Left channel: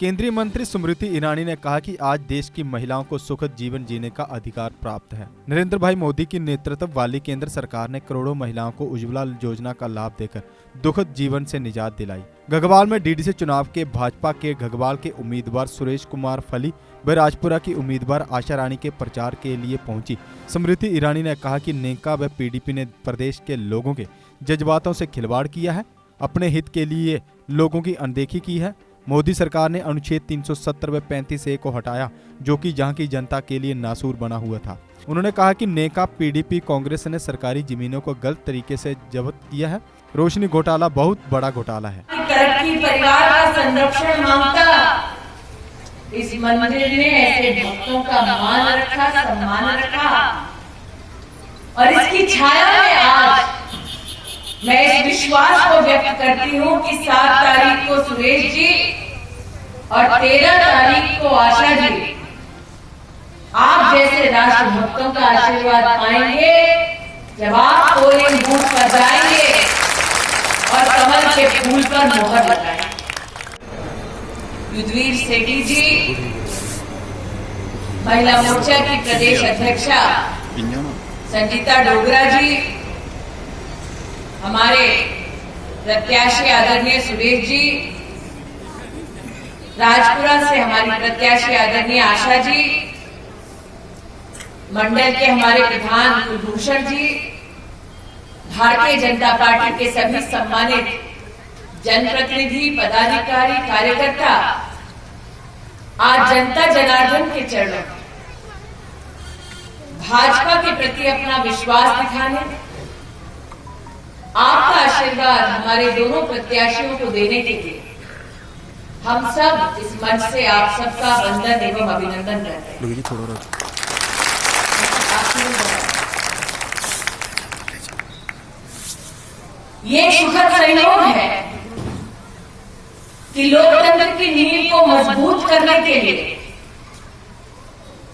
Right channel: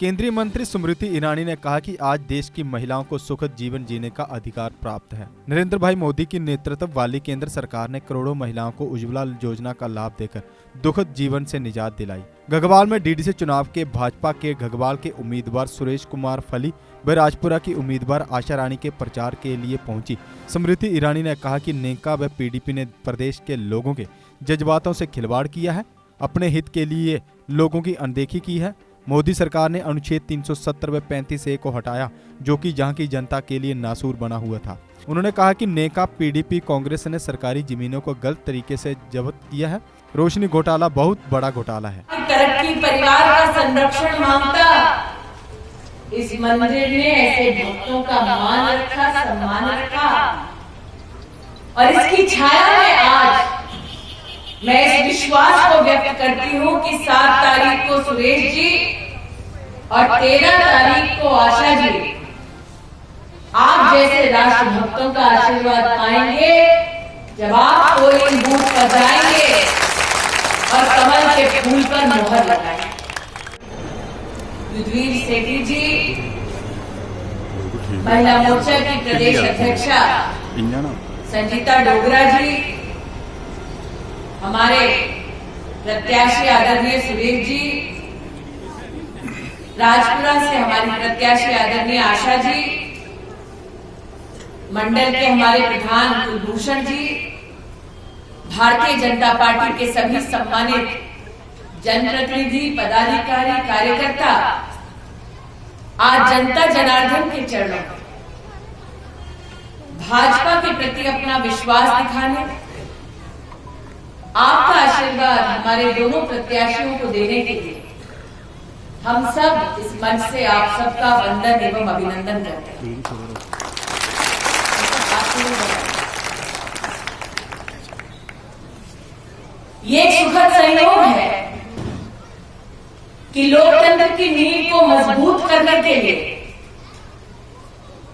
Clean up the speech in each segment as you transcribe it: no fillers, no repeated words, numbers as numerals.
केंद्रीय मंत्री स्मृति ईरानी ने कहा कि आज देश की महिलाओं को सुखद जीवन जीने का अधिकार प्राप्त है। नरेंद्र भाई मोदी की नेतृत्व वाली केंद्र सरकार ने करोड़ों महिलाओं को उज्ज्वला योजना का लाभ देकर दुखद जीवन से निजात दिलाई। घगवाल में डीडीसी चुनाव के भाजपा के घगवाल के उम्मीदवार सुरेश कुमार फली व राजपुरा की उम्मीदवार आशा रानी के प्रचार के लिए पहुंची स्मृति ईरानी ने कहा कि नेका व पीडीपी ने प्रदेश के लोगों के जज्बातों से खिलवाड़ किया है, अपने हित के लिए लोगों की अनदेखी की है। मोदी सरकार ने अनुच्छेद 370 व 35A को हटाया, जो कि जहां की जनता के लिए नासूर बना हुआ था। उन्होंने कहा कि नेका पीडीपी कांग्रेस ने सरकारी जमीनों को गलत तरीके से जब्त किया है। रोशनी घोटाला बहुत बड़ा घोटाला है। तरक्की परिवार का संरक्षण मांगता इस मंदिर ने ऐसे भक्तों का मान रखा, सम्मान रखा और इसकी छाया में आज मैं इस विश्वास को व्यक्त करती हूँ कि 7 तारीख को सुरेश जी और 13 तारीख को आशा जी आप जैसे राष्ट्रभक्तों का आशीर्वाद पाएंगे जब आप पोलिंग बूथ पर जाएंगे और कमल के फूल पर मोहर लगाएंगे। युद्धवीर सेठी जी, महिला मोर्चा की प्रदेश अध्यक्षा संजीता डोगरा जी, हमारे प्रत्याशी आदरणीय सुरेश जी, राजपुरा से हमारी प्रत्याशी आदरणीय आशा जी, मंडल के हमारे प्रधान कुलभूषण जी, भारतीय जनता पार्टी के सभी सम्मानित जनप्रतिनिधि, पदाधिकारी, कार्यकर्ता आज जनता जनार्दन के चरणों में भाजपा के प्रति अपना विश्वास दिखाने, आपका आशीर्वाद हमारे दोनों प्रत्याशियों को देने के लिए हम सब इस मंच से आप सबका वंदन एवं अभिनंदन करते हैं। ये सुखद संयोग है कि लोकतंत्र की नींव को मजबूत करने के लिए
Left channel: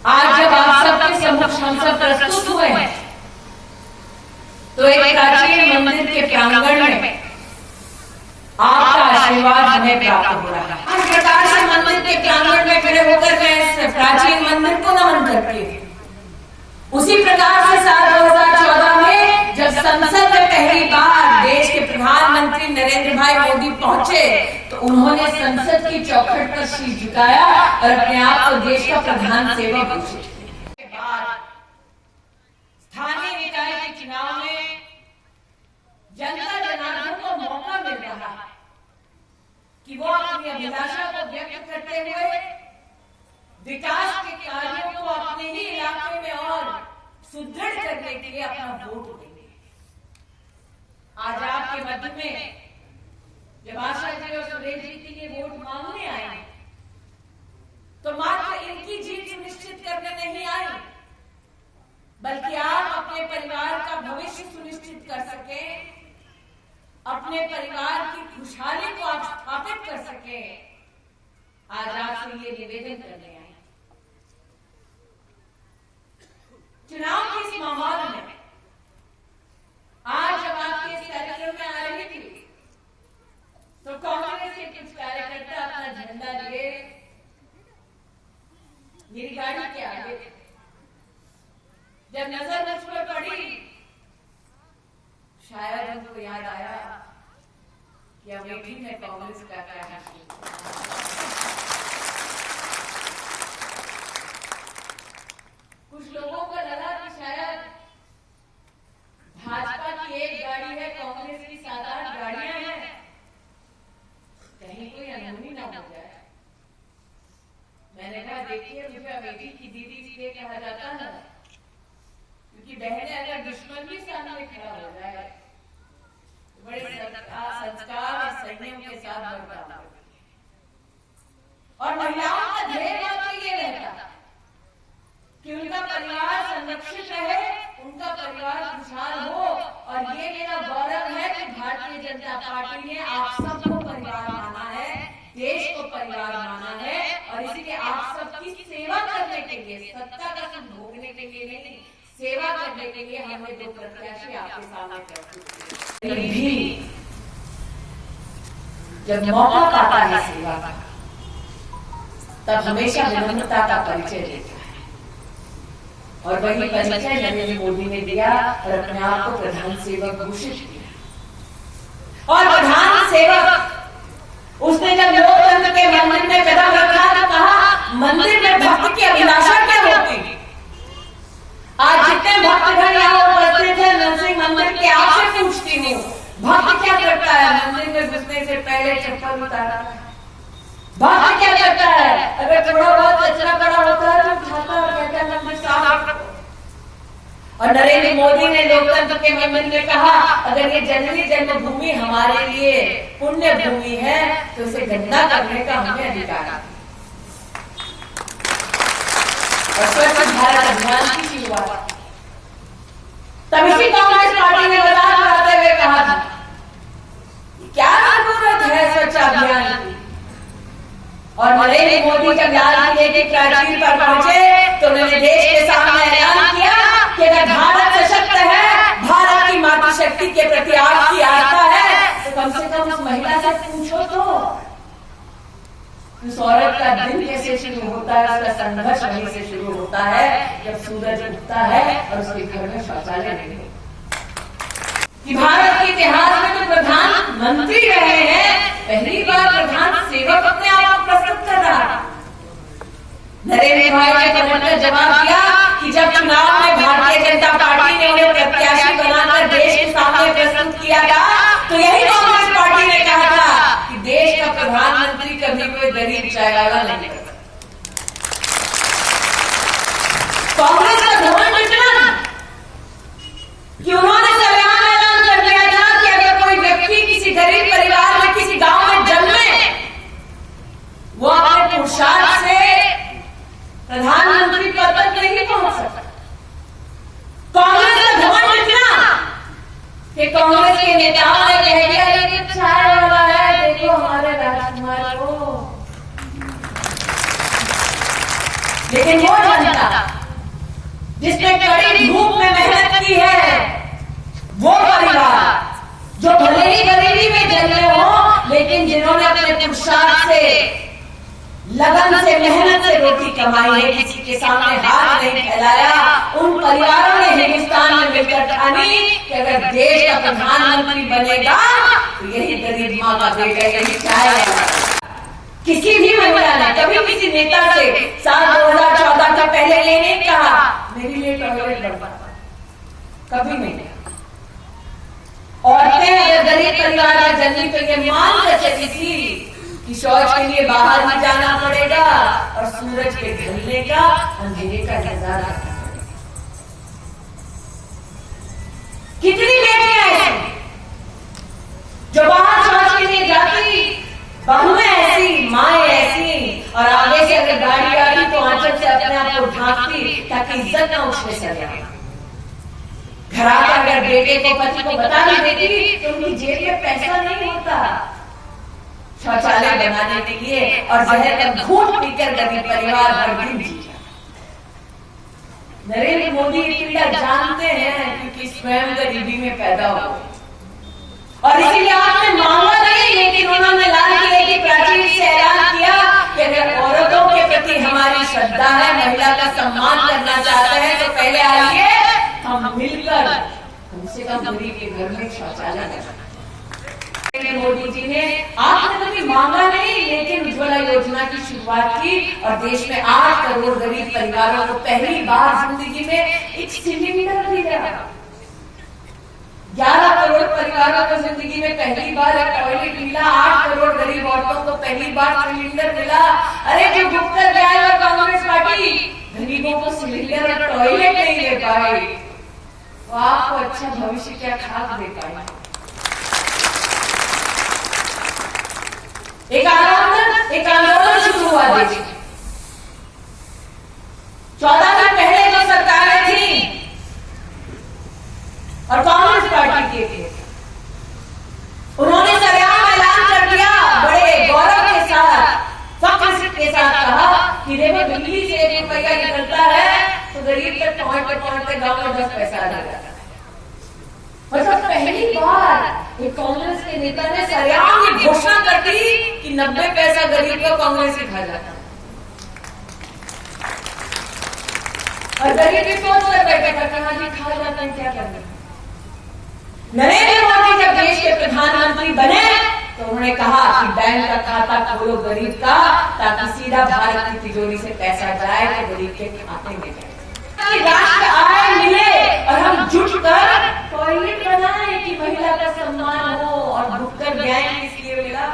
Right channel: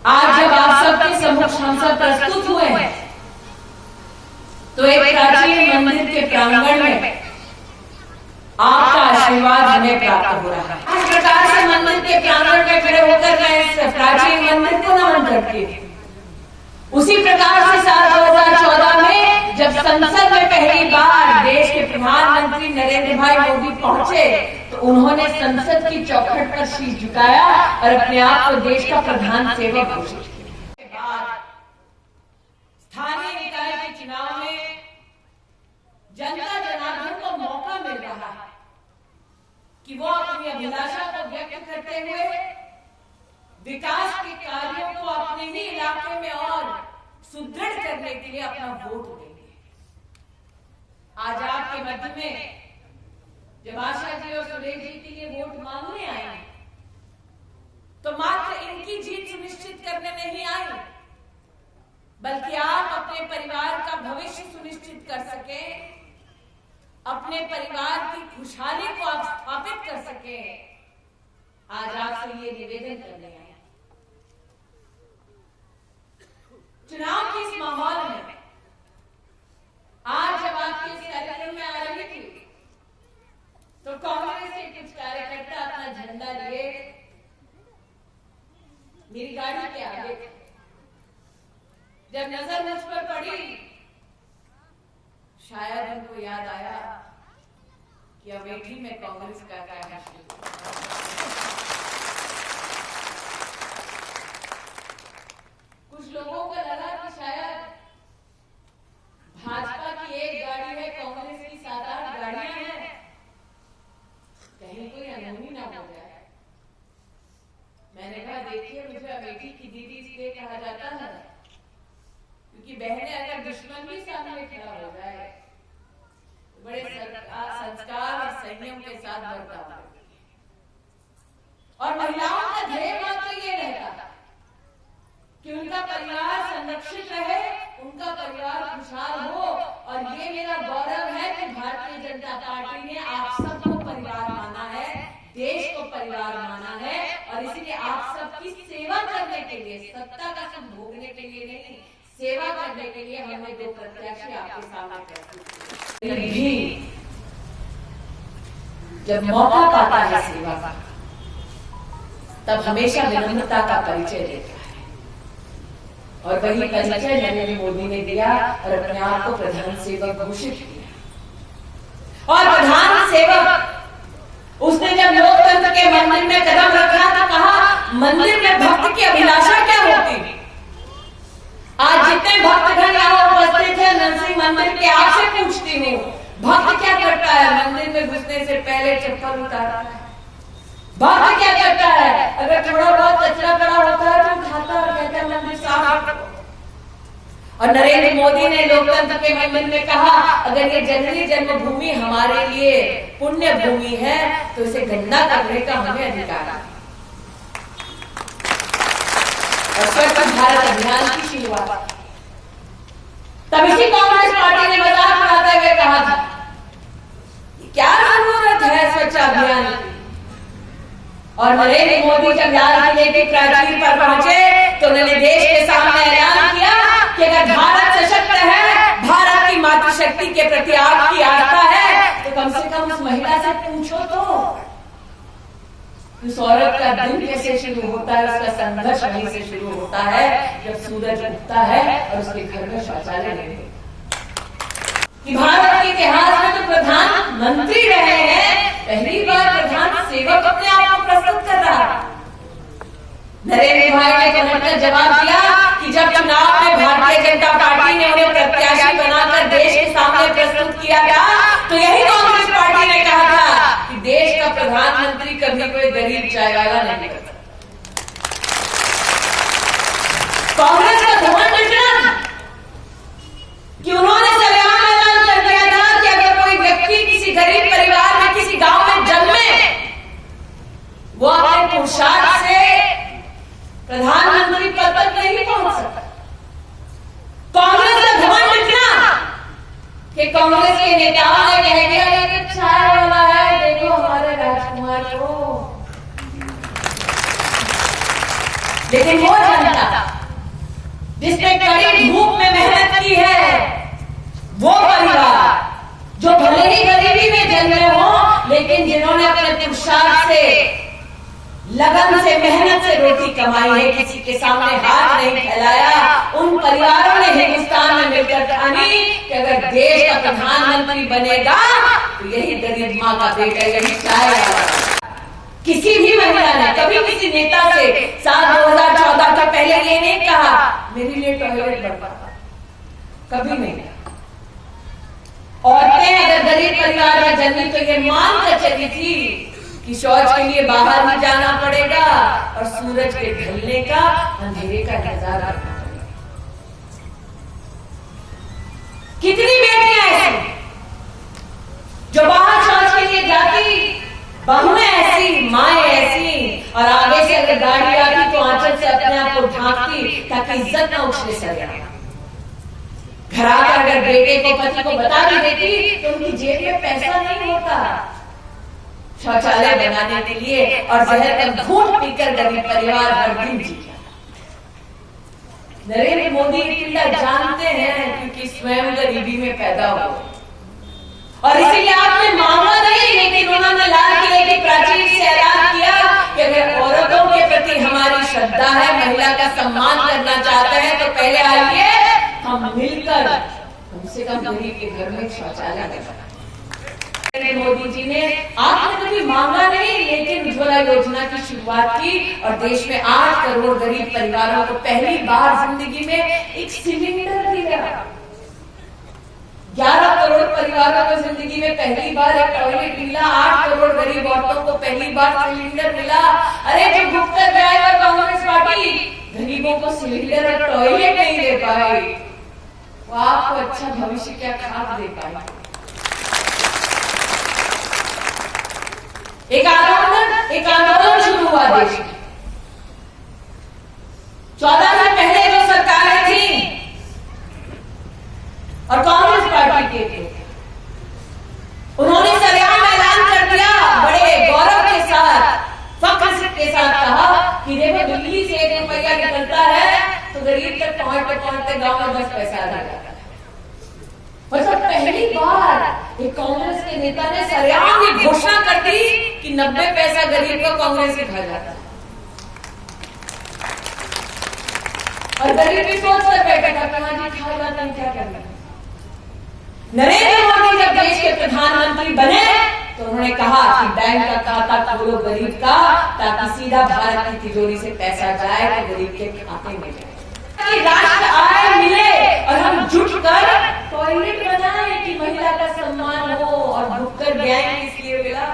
आज जब आप सबके सम्मुख हम सब प्रस्तुत हुए हैं तो एक प्राचीन मंदिर के प्रांगण में आपका आशीर्वाद हमें प्राप्त हो रहा है। इस प्रकार से मंदिर के प्रांगण में खड़े होकर मैं इस प्राचीन मंदिर को नमन करती हूँ। उसी प्रकार से साल 2014 में जब संसद में पहली बार देश के प्रधानमंत्री नरेंद्र भाई मोदी पहुंचे तो उन्होंने संसद की चौखट पर शीश झुकाया और अपने आप को देश का प्रधान सेवक घोषित किया। स्थानीय निकाय के चुनाव में जनता जनार्दन को मौका मिल रहा है कि वो अपनी अभिलाषा को व्यक्त करते हुए विकास के कार्यों को अपने ही इलाके में और सुदृढ़ करने के लिए अपना वोट देंगे। आज आपके मध्य में जब आशा जी और सुरेश जी के लिए वोट मांगने आए तो मात्र इनकी जीत सुनिश्चित करने नहीं आए, बल्कि आप अपने परिवार का भविष्य सुनिश्चित कर सके, अपने परिवार की खुशहाली को आप स्थापित कर सके। आज आपसे ये निवेदन करने आए। चुनाव के इस माहौल में आज जब आपके इस कार्यक्रम में आ रही थी तो कांग्रेस के कुछ कार्यकर्ता अपना झंडा लिए मेरी गाड़ी के आगे थे। जब नजर मुझ पर पड़ी शायद उनको याद आया कि अमेठी में कांग्रेस का क्या है। कुछ लोगों को लगा कि शायद भाजपा की एक गाड़ी है, कांग्रेस की 7-8 गाड़ियां हैं, कहीं कोई अनहोनी ना हो जाए। मैंने कहा देखिए, मुझे अमेठी की दीदी इसलिए कहा जाता है क्योंकि बहनें अगर दुश्मन भी सामने खड़ा हो जाए तो बड़े संस्कार और संयम के साथ बर्ताव करती है। और महिलाओं का ध्येय मात्र ये रहता कि उनका परिवार संरक्षित रहे, उनका परिवार खुशहाल हो। और ये मेरा गौरव है कि भारतीय जनता पार्टी ने आप सबको परिवार माना है, देश को परिवार माना है और इसलिए आप सबकी सेवा करने के लिए, सत्ता का सुख भोगने के लिए नहीं, सेवा करने के लिए हमने 2 प्रत्याशी आपके सामने प्रस्तुत किए। भी जब मौका पाता है सेवा का तब हमेशा विनम्रता का परिचय देता है, और वही परिचय नरेंद्र मोदी ने दिया और अपने आप को प्रधान सेवक घोषित किया। और प्रधान सेवक उसने जब लोकतंत्र के मंदिर में कदम रखा तो कहा, मंदिर में भक्त की अभिलाषा क्या होती। आज जितने भक्तगण यहाँ उपस्थित है, नरसिंह मंदिर के आपसे पूछती हूँ, भक्त क्या करता है? मंदिर में घुसने से पहले चप्पल उतारता है। भक्त क्या करता है? अगर थोड़ा बहुत कचरा पड़ा होता है तो उठाता और कहता है मंदिर साफ रखो। और नरेंद्र मोदी ने लोकतंत्र के मंदिर में कहा, अगर ये जननी जन्मभूमि हमारे लिए पुण्य भूमि है तो इसे गंदा करने का हमें अधिकार है। और स्वच्छ भारत अभियान की शुरुआत तब इसी कांग्रेस पार्टी ने मजाक उड़ाते हुए कहा था, क्या जरूरत है स्वच्छ अभियान की। और नरेंद्र मोदी जब लाल किले की प्राचीर पर पहुंचे तो उन्होंने देश के सामने ऐलान किया कि अगर भारत सशक्त है, भारत की मातृशक्ति के प्रति आपकी आस्था है, तो कम से कम उस महिला से पूछो तो उस औरत का दिन कैसे शुरू होता है, उसका संघर्ष वहीं से शुरू होता है जब सूरज उगता है और उसके घर में शौचालय नहीं होता। कि भारत के इतिहास में तो प्रधानमंत्री रहे हैं, पहली बार प्रधान सेवक अपने आप को प्रस्तुत कर रहा है। नरेंद्र भाई ने पलटकर जवाब दिया कि जब चुनाव में भारतीय जनता पार्टी ने उन्हें प्रत्याशी बनाकर देश के सामने प्रस्तुत किया था तो यही कांग्रेस पार्टी ने कहा था कि देश का प्रधानमंत्री कभी कोई गरीब चाय वाला नहीं कर सकता। कांग्रेस का घमंड इतना कि उन्होंने सरेआम ऐलान कर दिया था कि अगर कोई व्यक्ति किसी गरीब परिवार में किसी गांव में जन्मे, वो अपने पुरुषार्थ से प्रधानमंत्री पद तक नहीं पहुंच सकता। कांग्रेस का घमंड इतना कि कांग्रेस के नेताओं ने कह दिया ये तो चाय वाला है, देखो हमारे राजकुमार को। लेकिन वो जनता जिसने कड़ी धूप में मेहनत की है, वो परिवार जो भले ही गरीबी में जन्मे हो लेकिन जिन्होंने अपने पुरुषार्थ से, लगन से, मेहनत से रोटी कमाई है, किसी के सामने हाथ नहीं फैलाया, उन परिवारों ने हिंदुस्तान में मिलकर ठानी कि अगर देश का प्रधानमंत्री बनेगा तो यही गरीब माँ का बेटा, यही चाय वाला। किसी भी महिला ने कभी किसी नेता से साल 2014 के पहले ये नहीं कहा मेरे लिए टॉयलेट बनवाता, कभी नहीं। औरतें अगर गरीब परिवार में जन्मी तो ये मानकर चली थी कि शौच के लिए बाहर ही जाना पड़ेगा और सूरज के ढलने का, अंधेरे का इंतजार करना पड़ेगा। कितनी बेटियां ऐसी जो बाहर शौच के लिए जाती, बहुएं ऐसी, माएं ऐसी, और आगे से अगर गाड़ी आती तो आंचल से अपने आप को ढांकती ताकि इज्जत न उछले सके। घर आकर अगर बेटे को, पति को बता भी देती तो उनकी जेब में पैसा नहीं होता शौचालय बनाने के लिए, और जहर का घूंट पीकर गरीब परिवार हर दिन जी जाता। नरेंद्र मोदी पिल्ला जानते हैं क्योंकि स्वयं गरीबी में पैदा हुए, और इसीलिए आपने मांगा नहीं, लेकिन उन्होंने लाल किले की प्राचीर से ऐलान किया कि अगर औरतों के प्रति हमारी श्रद्धा है, महिला का सम्मान करना चाहते हैं तो पहले आइए हम मिलकर कम से कम गरीब के घर में शौचालय लगाएं। मोदी जी ने आपने कभी मांगा नहीं, लेकिन उज्ज्वला योजना की शुरुआत की और देश में 8 करोड़ गरीब परिवारों को पहली बार जिंदगी में एक सिलेंडर दिया। 11 करोड़ परिवारों को जिंदगी में पहली बार एक टॉयलेट मिला, 8 करोड़ गरीब औरतों को पहली बार सिलेंडर मिला। अरे जो गुप्कर न्याय और कांग्रेस पार्टी गरीबों को सिलेंडर और टॉयलेट नहीं दे पाए, वो आपको अच्छा भविष्य क्या खाक दे पाए। एक आंदोलन शुरू हुआ देश में। 14 दिन पहले जो सरकारें थी और कांग्रेस पार्टी के थे, उन्होंने सरेआम ऐलान कर दिया, बड़े गौरव के साथ, फख्र के साथ कहा कि देखो दिल्ली से 1 रुपया निकलता है तो गरीब तक पहुंचते गांव में 10 पैसा देगा। मतलब पहली बार एक कांग्रेस के नेता ने सरेआम ये घोषणा कर दी कि 90 पैसा गरीब का कांग्रेस से खा जाता है। और गरीब भी सोच कर बैठे था कि हाँ जी खा जाते हैं, क्या करना। नरेंद्र मोदी जब देश के प्रधानमंत्री बने तो उन्होंने कहा कि बैंक का खाता खोलो गरीब का, ताकि सीधा भारत की तिजोरी से पैसा जाए तो गरीब के खाते में जाए, राष्ट्र आय मिले और हम जुट कर टॉयलेट बनाए कि महिला का सम्मान हो। और भुक्कर बैंक इसलिए मिला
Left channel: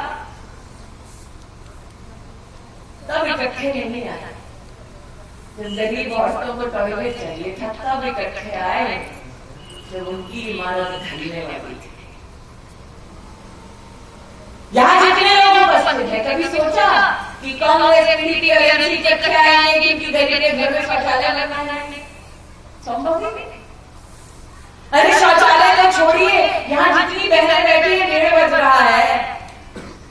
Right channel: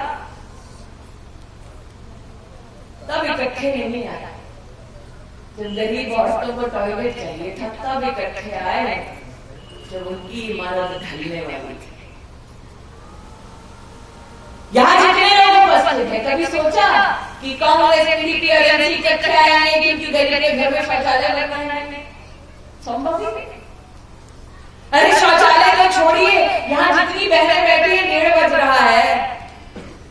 तब इकट्ठे नहीं आया। जब गरीब औरतों को टॉयलेट चाहिए था तब इकट्ठे आए, जब उनकी इमारत ढलने वाली थी। यहाँ जितने लोग उपस्थित हैं, कभी सोचा कि कांग्रेस पीडीपी और एनसी इकट्ठे आएंगे क्योंकि गरीब के घर में शौचालय बनाए जाएंगे? संभव ही नहीं। अरे शौचालय तो छोड़िए, यहाँ जितनी बहनें बैठी हैं 1:30 बज रहा है,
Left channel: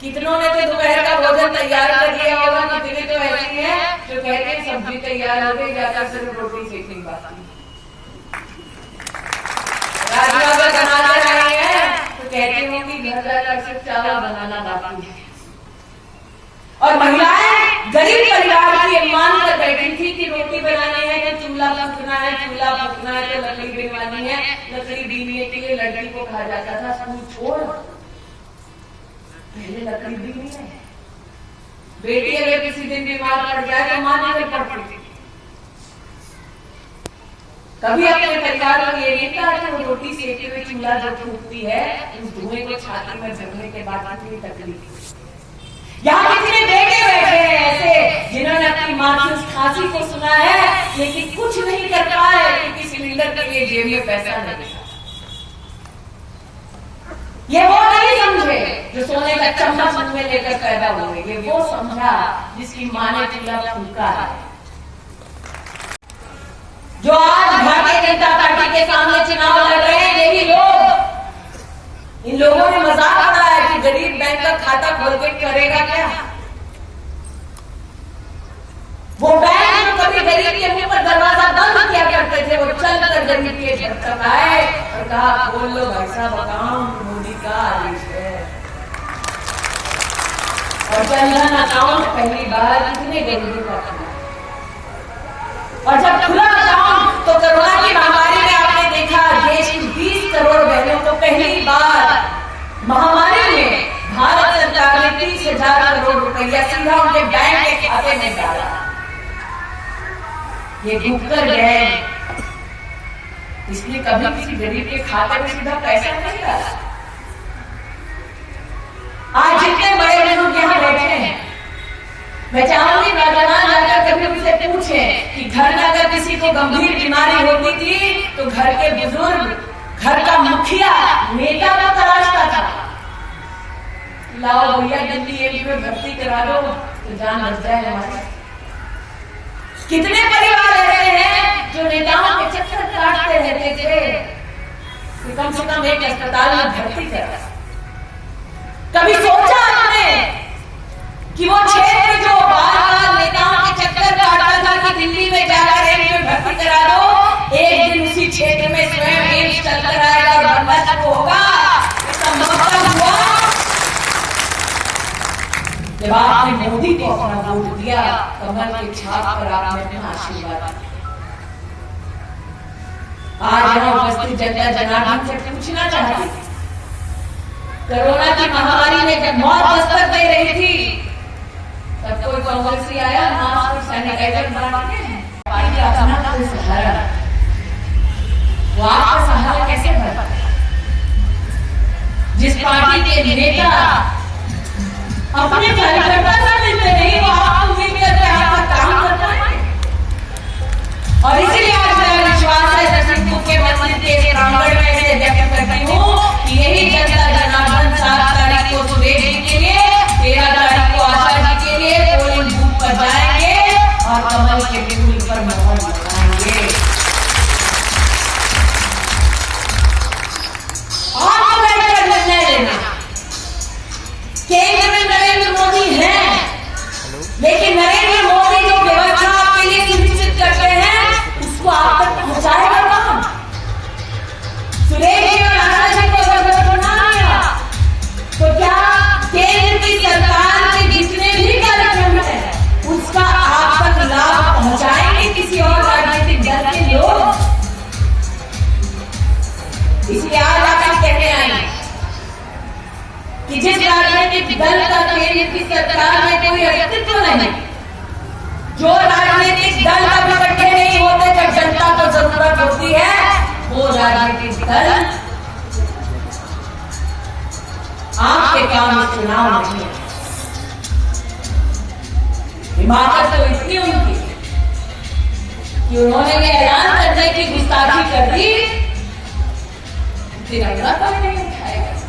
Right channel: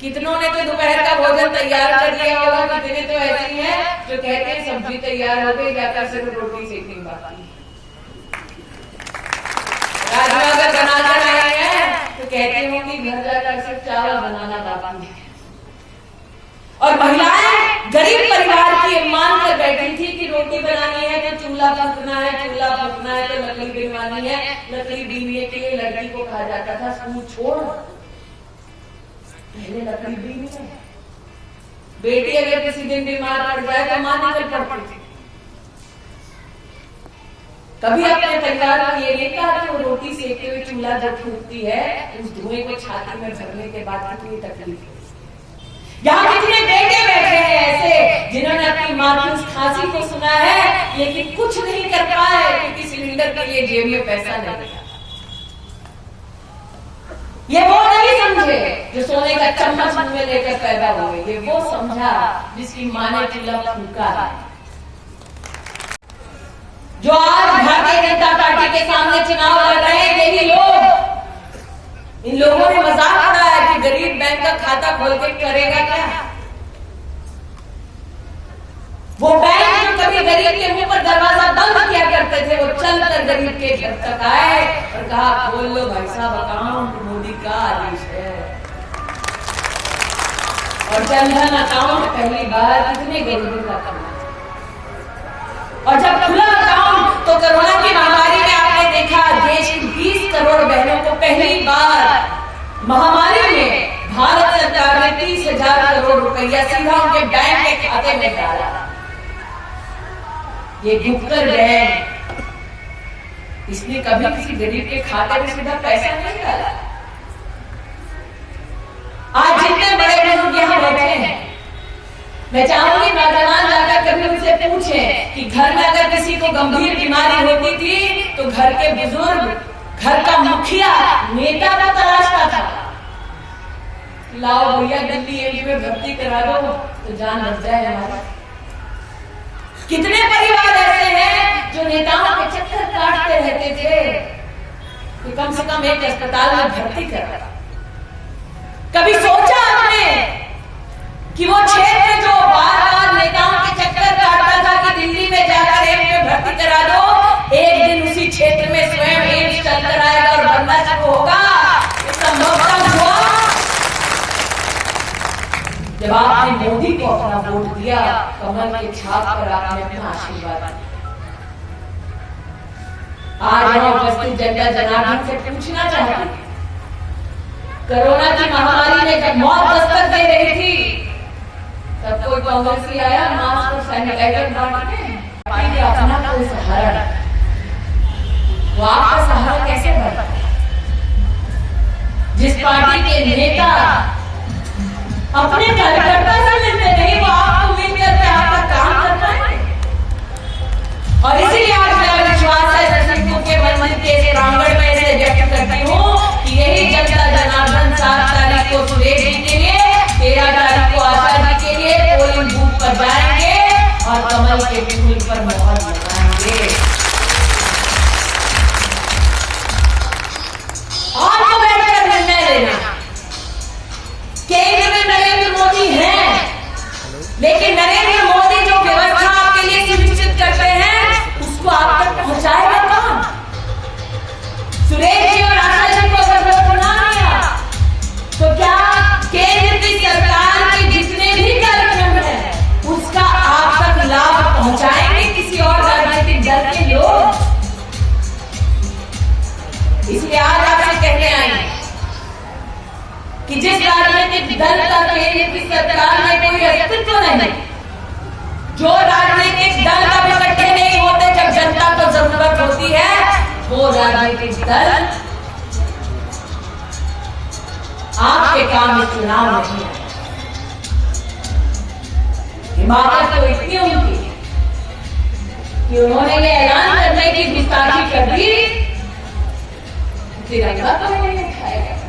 कितनों ने तो दोपहर का भोजन तैयार कर लिया होगा, कितने तो ऐसे हैं जो कहते हैं सब्जी तैयार हो गई, जाकर सिर्फ रोटी सेकनी बाकी। राजमा अगर बनाकर आए हैं तो कहती होंगी घर जाकर सिर्फ चावल बनाना बाकी है। और महिलाएं गरीब परिवार की मान कर बैठी थी कि रोटी बनानी है तो चूल्हा फूकना है, चूल्हा फूकना है तो लकड़ी बनवानी है। लकड़ी बीनने के लिए लड़की को कहा जाता था स्कूल छोड़, पहले लकड़ी बीनी है। बेटी अगर किसी दिन बीमार पड़ जाए तो मां निकल पड़ती थी। कभी अपने परिवार को ये नहीं कहा कि वो रोटी सेकते हुए चूल्हा जो फूकती है उस धुएं को छाती में भरने के बाद कितनी तकलीफ है। यहाँ कितने बेटे बैठे हैं ऐसे जिन्होंने अपनी माँ की उस खांसी को सुना है लेकिन कुछ नहीं कर पाए क्योंकि सिलेंडर के लिए जेब में पैसा नहीं था। ये वो नहीं समझे जो सोने का चम्मच मुंह में लेकर पैदा हुए, ये वो समझा जिसकी माँ ने चूल्हा फूका है। जो आज भारतीय जनता पार्टी के सामने चुनाव लड़ रहे हैं यही लोग, इन लोगों ने मजाक उड़ाया कि गरीब बैंक का खाता खोल के करेगा क्या। वो बैंक जो कभी गरीब के मुंह पर दरवाजा बंद किया करते थे वो चलकर गरीब के घर तक आए और कहा खोल लो भाई साहब अकाउंट, मोदी का आदेश है। और जनधन अकाउंट पहली बार कितने गरीबों का खुला, और जब खुला अकाउंट तो कोरोना की महामारी में आपने देखा देश की 20 करोड़ बहनों को पहली बार महामारी में भारत सरकार ने 30,000 करोड़ रुपया सीधा उनके बैंक के खाते में डाला। ये भुक्कर बैंक इसलिए कभी किसी गरीब के खाते में सीधा पैसा नहीं डाला। आज जितने बड़े बुजुर्ग यहाँ बैठे हैं, मैं चाहूंगी नौजवान जाकर कभी उनसे पूछें कि घर में अगर किसी को गंभीर बीमारी होती थी तो घर के बुजुर्ग, घर का मुखिया, नेता को तलाशता था। लाओ भैया दिल्ली एम्स में भर्ती करा दो तो जान बच जाए हमारे। कितने परिवार ऐसे हैं जो नेताओं के चक्कर काटते रहते थे कि कम से कम एक अस्पताल में भर्ती करा। कभी सोचा आपने कि वो क्षेत्र जो बार बार नेताओं के चक्कर काटता था कि दिल्ली में जाकर एम्स में भर्ती करा दो, एक दिन उसी क्षेत्र में स्वयं एम्स चलकर आएगा और बनना शुरू होगा। ये संभवतः हुआ जब आपने मोदी को अपना वोट दिया, कमल के छाप पर आपने अपना आशीर्वाद दिया। आज यहाँ उपस्थित जनता जनार्दन से पूछना चाहती थी, कोरोना की महामारी में जब मौत दस्तक दे रही थी तब कोई कांग्रेसी आया मास्क और सैनिटाइजर बांटने? अपना कोई सहारा, वो आपका सहारा कैसे बना? जिस पार्टी के नेता अपने कार्यकर्ता से मिलते नहीं, वो आपको मिलकर के आपका काम कर पाएंगे। और इसीलिए आज मेरा विश्वास है नरसिंहपुर के मंदिर के प्रांगण में से व्यक्त करती हूँ कि यही जनता जनार्दन 7 तारीख को सुरेश जी के लिए, 13 तारीख को आशा जी के लिए पोलिंग बूथ पर जाएंगे और कमल के फूल पर मोहर लगाएंगे। आपको बैठकर निर्णय लेना। केंद्र में नरेंद्र मोदी हैं, लेकिन नरेंद्र मोदी जो व्यवस्था आपके लिए सुनिश्चित करते हैं उसको आप तक पहुंचाएगा कौन? सुरेश जी और आशा जी को अगर वोट ना दिया तो क्या केंद्र की सरकार के जितने भी कार्यक्रम हैं उसका आप तक लाभ पहुंचाएंगे किसी और राज्य व्यक्तित्व नहीं, जो राजनीतिक दल कभी इकट्ठे नहीं होते जब जनता को जरूरत होती है, वो राजनीतिक दल आपके काम में चुनाव नहीं है। हिमाकत तो इतनी उनकी कि उन्होंने ये ऐलान करने की गुस्ताखी कर दी, तिरंगा तो नहीं उठाएगा।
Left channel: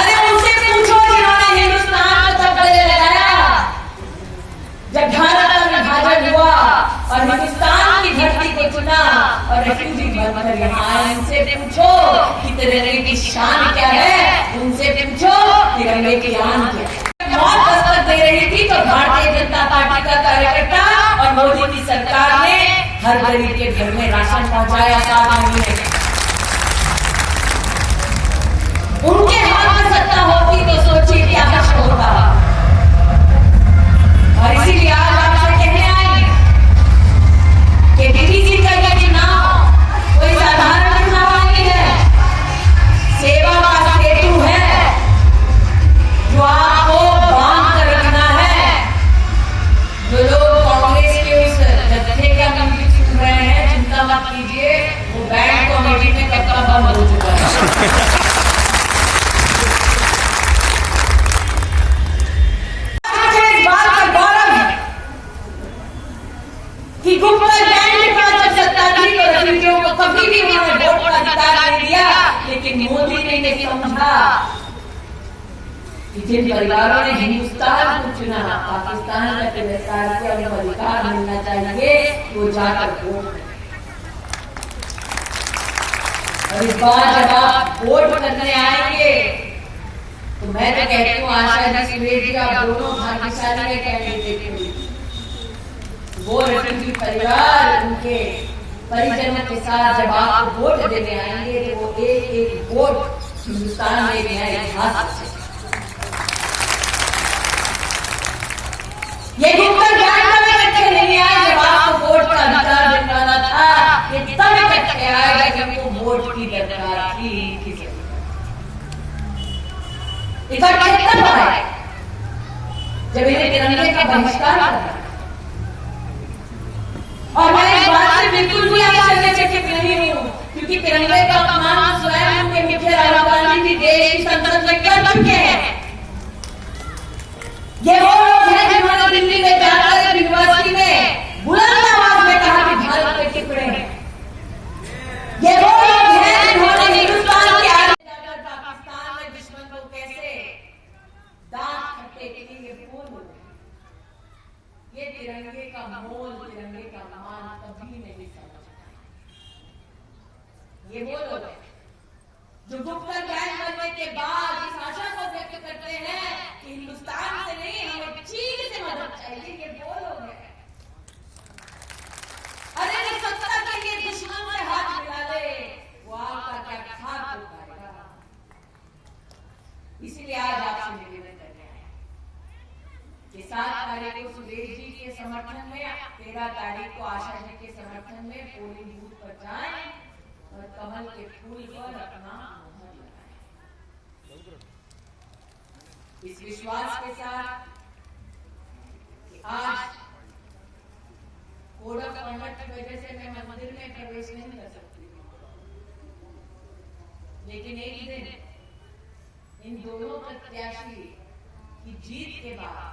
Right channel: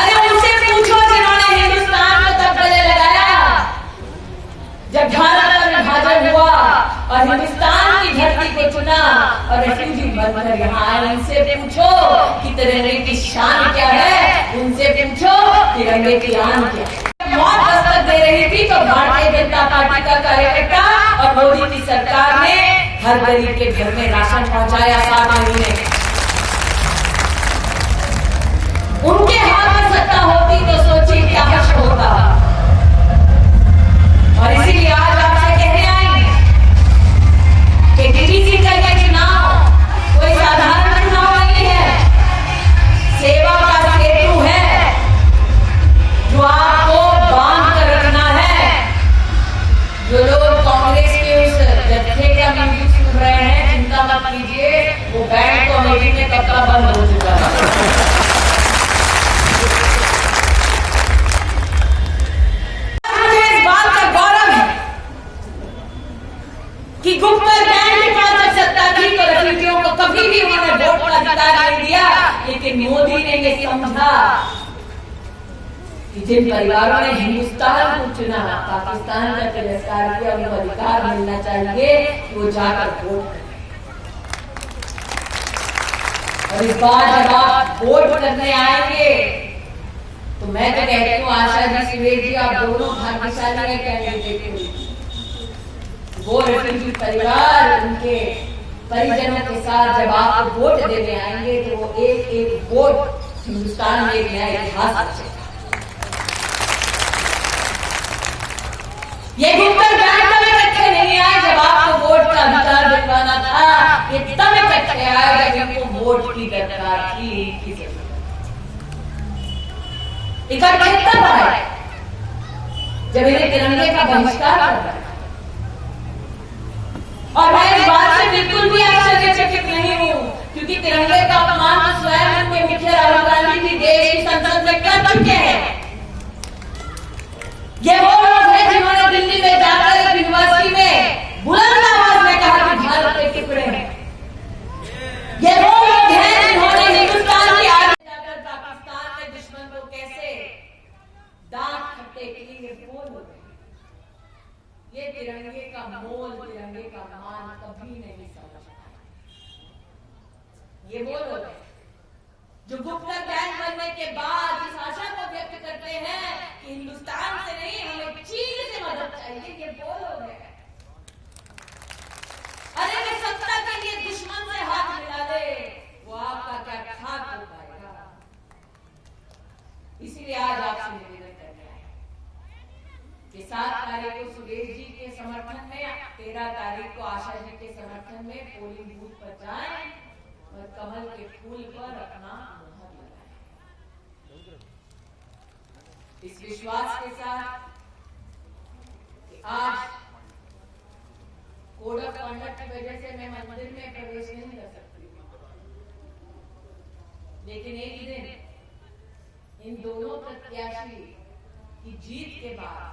अरे उनसे पूछो जिन्होंने हिंदुस्तान को तब गले लगाया जब भारत का विभाजन हुआ और हिंदुस्तान की धरती को चुना और रेफ्यूजी बनकर यहाँ आए। उनसे पूछो कि तिरंगे की शान क्या है, उनसे पूछो तिरंगे की आन क्या है। मौत दस्तक दे रही थी तो भारतीय जनता पार्टी का कार्यकर्ता और मोदी की सरकार ने हर गरीब के घर में राशन पहुंचाया 7 महीने। उनके हाथ में सत्ता होती तो सोचिए क्या हर्ष होगा। और इसीलिए आज आपसे कहने आई कि डीडीसी का यह चुनाव कोई साधारण चुनाव नहीं है, सेवा का सेतु है जो आपको बांध कर रखना है। जो लोग कांग्रेस के उस जत्थे का म्यूजिक सुन रहे हैं, चिंता मत कीजिए, वो बैंड कमेटी में कब का बंद हो चुका है। कि गुप्कर गैंग के पास जब सत्ता थी तो रेफ्यूजियों को कभी भी उन्होंने वोट का अधिकार नहीं दिया, लेकिन मोदी ने ये समझा कि जिन परिवारों ने हिंदुस्तान को चुना, पाकिस्तान का तिरस्कार किया, उनको अधिकार मिलना चाहिए, वो जाकर वोट करें। और इस बार जब आप वोट करने आएंगे तो मैं तो कहती हूँ आशा जी, सुरेश जी, आप दोनों भाग्यशाली है कैंडिडेट के लिए। वो रेफ्यूजी परिवार उनके परिजनों के साथ जब आप वोट देने आएंगे तो वो एक एक वोट हिंदुस्तान में एक नया इतिहास रचेगा। ये गुप्कर गैंग तब इकट्ठे नहीं आए जब आपको वोट का अधिकार दिलवाना था, ये तब इकट्ठे आए जब इनको वोट की दरकार थी। इकट्ठे तब आए जब इन्हें तिरंगे का बहिष्कार करना। और मैं इस बात से बिल्कुल भी आश्चर्यचकित नहीं हूं, क्योंकि तिरंगे का अपमान तो स्वयं उनके मुखिया राहुल गांधी भी देश की संसद में कर चुके हैं। ये वो लोग हैं जिन्होंने दिल्ली में जाकर एक यूनिवर्सिटी में बुलंद आवाज में कहा कि भारत के टुकड़े हैं। ये वो लोग हैं जिन्होंने हिंदुस्तान के आगे जाकर पाकिस्तान में दुश्मन को कैसे दांत खट्टे किए, वो लोग। ये तिरंगे का मोल, तिरंगे का मान कभी नहीं समझ पाए। ये वो लोग हैं जो गुप्कर गैंग बनने के बाद इस आशा को व्यक्त करते हैं कि हिंदुस्तान से नहीं, हमें चीन से मदद चाहिए। ये वो लोग हैं। अरे वे सत्ता के लिए दुश्मन से हाथ मिला ले, वो आपका क्या खाक हो पाएगा। इसीलिए आज आपसे निवेदन करने आए कि 7 तारीख को सुरेश जी के समर्थन में, 13 तारीख को आशा जी के समर्थन में पोलिंग बूथ पर जाएं और कमल के फूल पर अपना मोहर लगाएं। इस विश्वास के साथ कि आज कोड ऑफ कॉन्डक्ट की वजह से मैं मंदिर में प्रवेश नहीं कर सकती, लेकिन एक दिन इन दोनों प्रत्याशी की जीत के बाद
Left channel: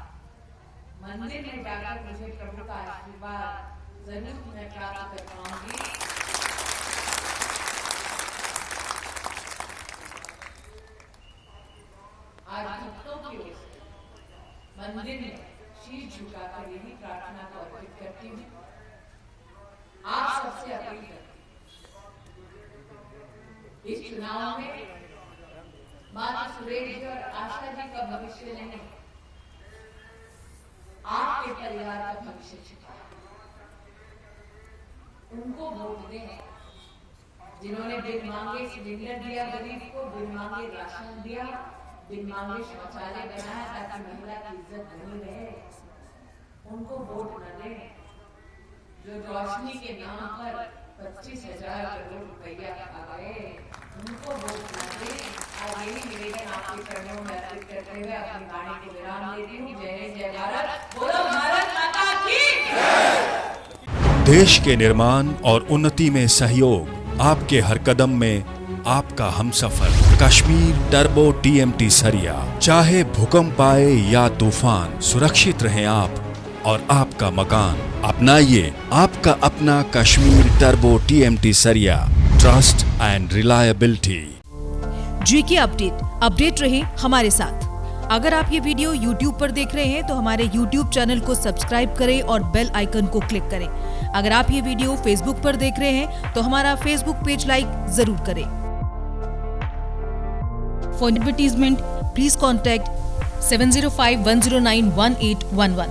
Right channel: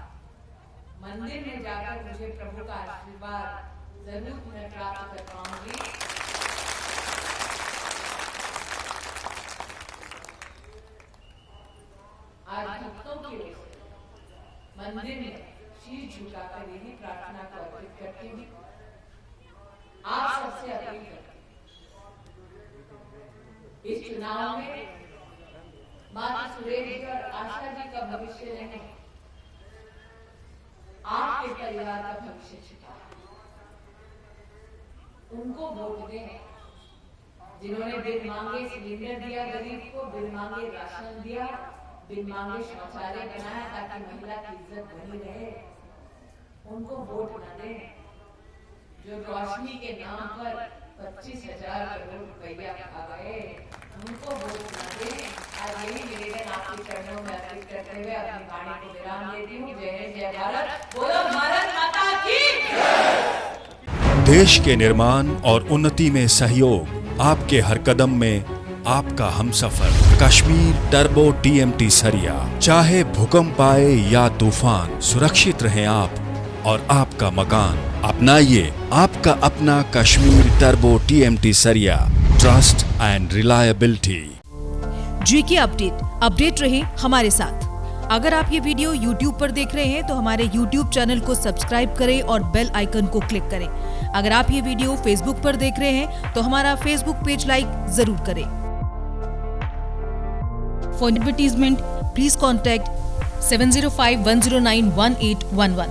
मंदिर में जाकर मुझे प्रभु का आशीर्वाद जरूर मैं प्राप्त कर पाऊंगी। आज भक्तों की ओर से मंदिर में शीश झुकाकर यही प्रार्थना को अर्पित करती हूँ। आप सबसे अपील करती हूँ, इस चुनाव में मात्र सुरेश जी और आशा जी का भविष्य नहीं, आपके परिवार का भविष्य छिपा है। उनको वोट दें जिन्होंने बिन मांगे सिलेंडर दिया गरीब को, बिन मांगे राशन दिया, बिन मांगे शौचालय बनाया ताकि महिला की इज्जत बनी रहे। उनको वोट न दें जो रोशनी के नाम पर 25,000 करोड़ रुपया खा गए। उनको वोट न दें। आज यही निवेदन आपके चरणों में अर्पित करते हुए अपनी वाणी को विराम लेती हूँ। जय हिंद, जय भारत, बोलो भारत माता की। देश के निर्माण और उन्नति में सहयोग, आपके हर कदम में आपका हमसफर। कश्मीर टर्बो TMT सरिया, चाहे भूकंप आए या तूफान, सुरक्षित रहें आप और आपका मकान। अपनाइए आपका अपना कश्मीर टर्बो TMT सरिया, trust and reliability. GK update रहे हमारे साथ। अगर आप ये वीडियो YouTube पर देख रहे हैं तो हमारे YouTube चैनल को सब्सक्राइब करें और बेल आइकन को क्लिक करें। अगर आप ये वीडियो Facebook पर देख रहे हैं तो हमारा Facebook पेज लाइक जरूर करें। For advertisement, please contact 705-109-1811.